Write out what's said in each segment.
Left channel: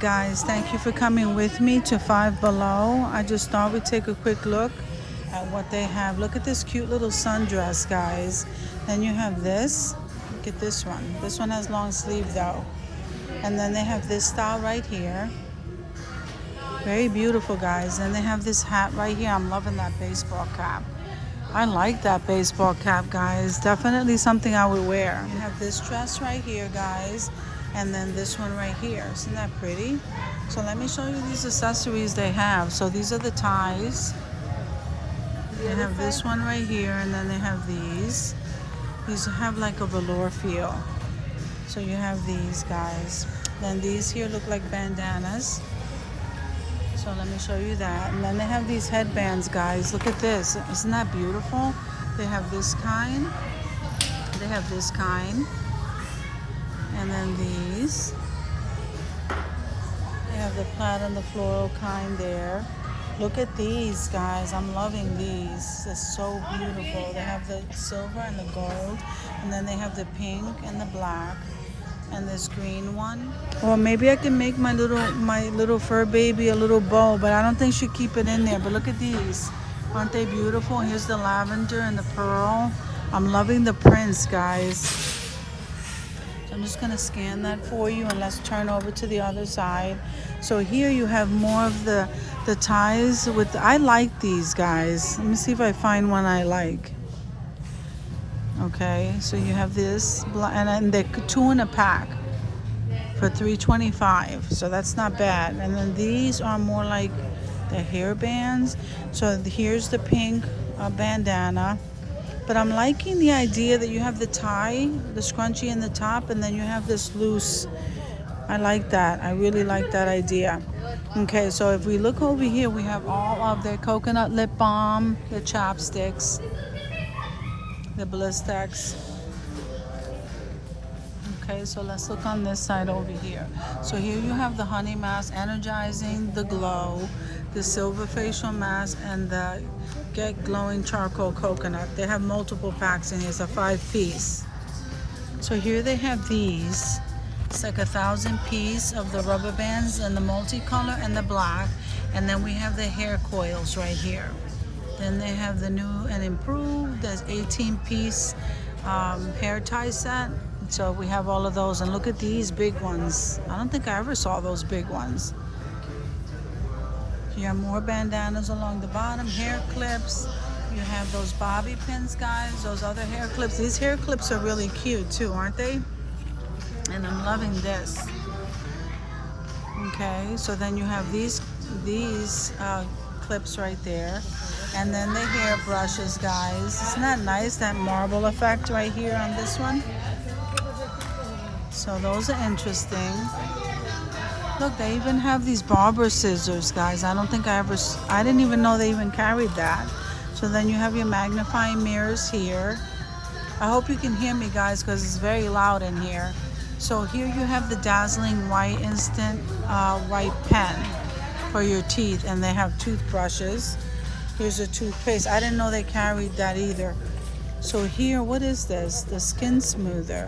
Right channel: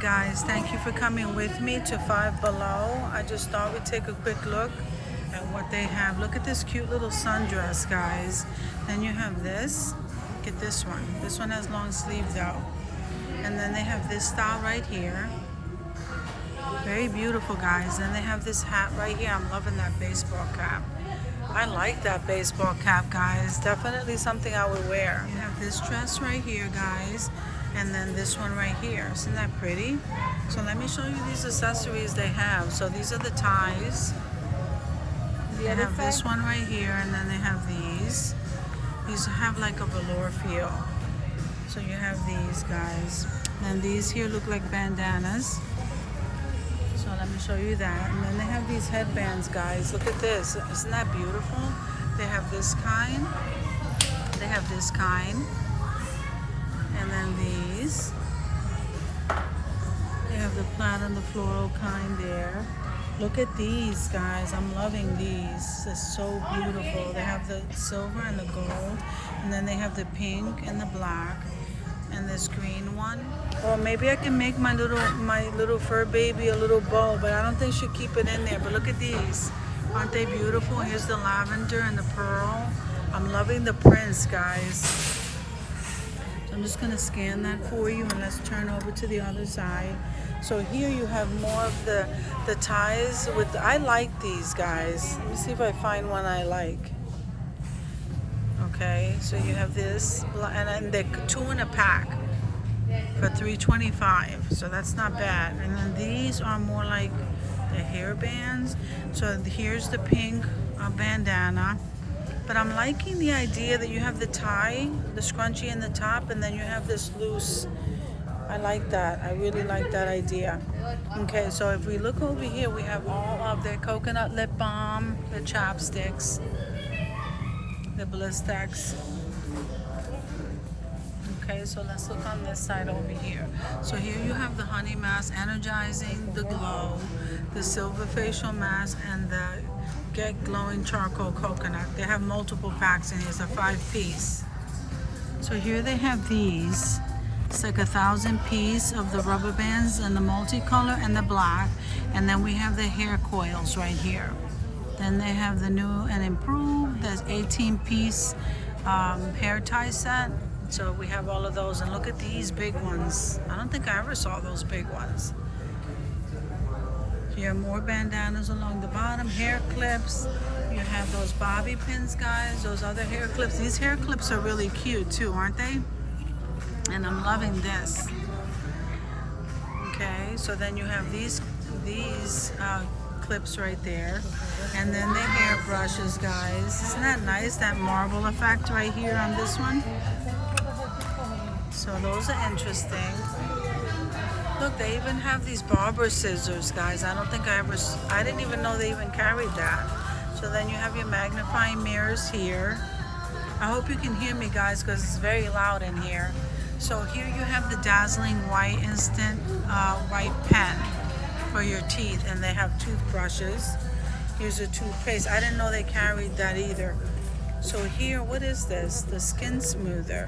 Guys, thank you for coming with me to Five Below. I just thought we'd take a quick look at what they have. Look at this cute little sundress, guys. Then you have this. Look at this one. This one has long sleeves though. And then they have this style right here. Very beautiful, guys. Then they have this hat right here. I'm loving that baseball cap. I like that baseball cap, guys. Definitely something I would wear. We have this dress right here, guys. And then this one right here. Isn't that pretty? So let me show you these accessories they have. So these are the ties. They have this one right here, and then they have these. These have like a velour feel. So you have these, guys. Then these here look like bandanas. So let me show you that. And then they have these headbands, guys. Look at this. Isn't that beautiful? They have this kind. They have this kind. And then these. We have the plaid and the floral kind there. Look at these, guys. I'm loving these. It's so beautiful. They have the silver and the gold, and then they have the pink and the black and this green one. Or maybe I can make my little fur baby a little bow, but I don't think she'll keep it in there. But look at these. Aren't they beautiful? Here's the lavender and the pearl. I'm loving the prints, guys. I'm just gonna scan that for you, and let's turn over to the other side. So here you have more of the ties with, I like these, guys. Let me see if I find one I like. Okay, so you have this, and they're 2 in a pack for $3.25, so that's not bad. And then these are more like the hair bands. So here's the pink bandana. But I'm liking the idea that you have the tie, the scrunchie in the top, and then you have this loose. I like that. I really like that idea. Okay, so if we look over here, we have all of their coconut lip balm, the chapsticks, the Blistex. Okay, so let's look on this side over here. So here you have the honey mask, energizing the glow, the silver facial mask, and the Get Glowing Charcoal Coconut. They have multiple packs in here. It's a 5-piece. So here they have these. It's like 1,000 piece of the rubber bands and the multicolor and the black. And then we have the hair coils right here. Then they have the new and improved. There's 18-piece hair tie set. So we have all of those. And look at these big ones. I don't think I ever saw those big ones. You have more bandanas along the bottom, hair clips. You have those bobby pins, guys, those other hair clips. These hair clips are really cute too, aren't they? And I'm loving this. Okay, so then you have these clips right there. And then the hair brushes, guys. Isn't that nice, that marble effect right here on this one? So those are interesting. Look, they even have these barber scissors, guys. I didn't even know they even carried that. So then you have your magnifying mirrors here. I hope you can hear me, guys, because it's very loud in here. So here you have the dazzling white instant white pen for your teeth, and they have toothbrushes. Here's a toothpaste. I didn't know they carried that either. So here, what is this? The skin smoother.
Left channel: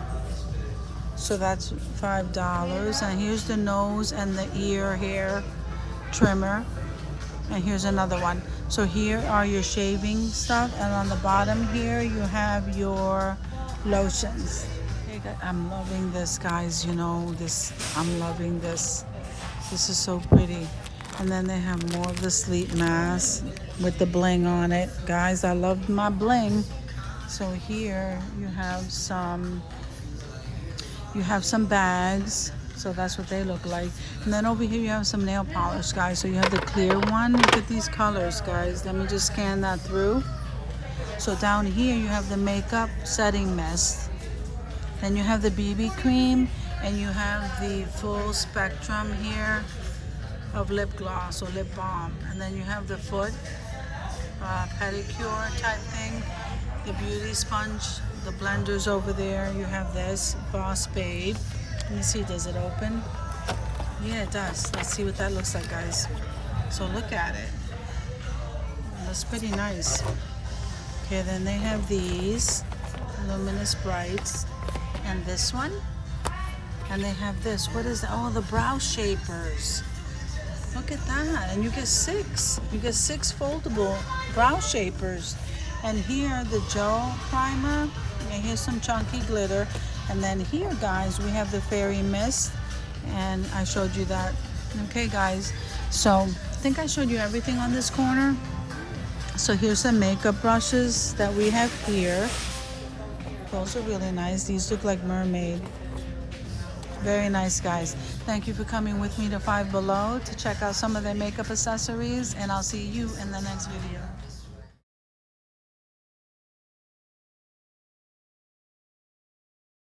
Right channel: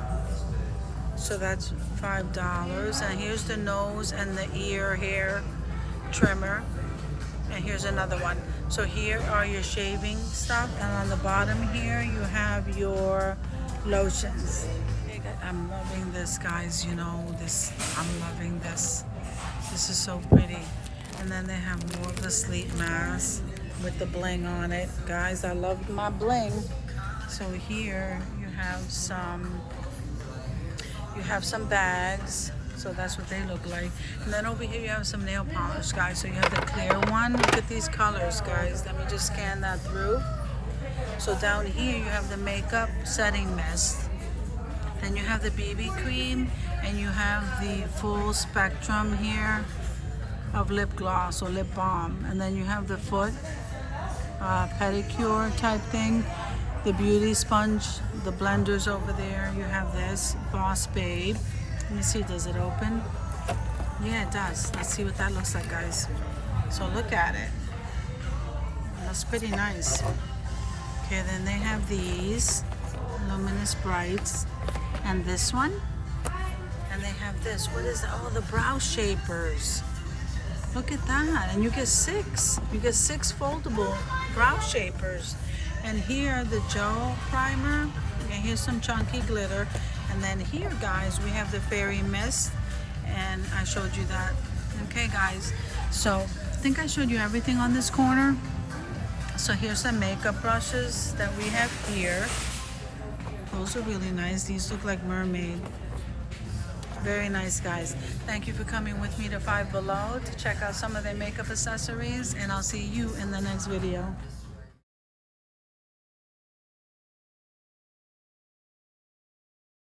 So that's $5. And here's the nose and the ear hair trimmer. And here's another one. So here are your shaving stuff. And on the bottom here, you have your lotions. I'm loving this, guys. You know, I'm loving this. This is so pretty. And then they have more of the sleep mask with the bling on it. Guys, I love my bling. So here you have some bags, so that's what they look like. And then over here you have some nail polish, guys. So you have the clear one. Look at these colors, guys. Let me just scan that through. So down here you have the makeup setting mist. Then you have the BB cream, and you have the full spectrum here of lip gloss or lip balm. And then you have the foot pedicure type thing, the beauty sponge, the blenders over there. You have this Boss Babe. Let me see, does it open? Yeah, it does. Let's see what that looks like, guys. So look at it. That's pretty nice. Okay, then they have these luminous brights, and this one, And they have this. What is that? Oh, the brow shapers. Look at that. And you get 6. You get 6 foldable brow shapers. And here, the gel primer. And here's some chunky glitter. And then here, guys, we have the fairy mist. And I showed you that. Okay, guys. So I think I showed you everything on this corner. So here's some makeup brushes that we have here. Those are really nice. These look like mermaid. Very nice, guys. Thank you for coming with me to Five Below to check out some of their makeup accessories, and I'll see you in the next video.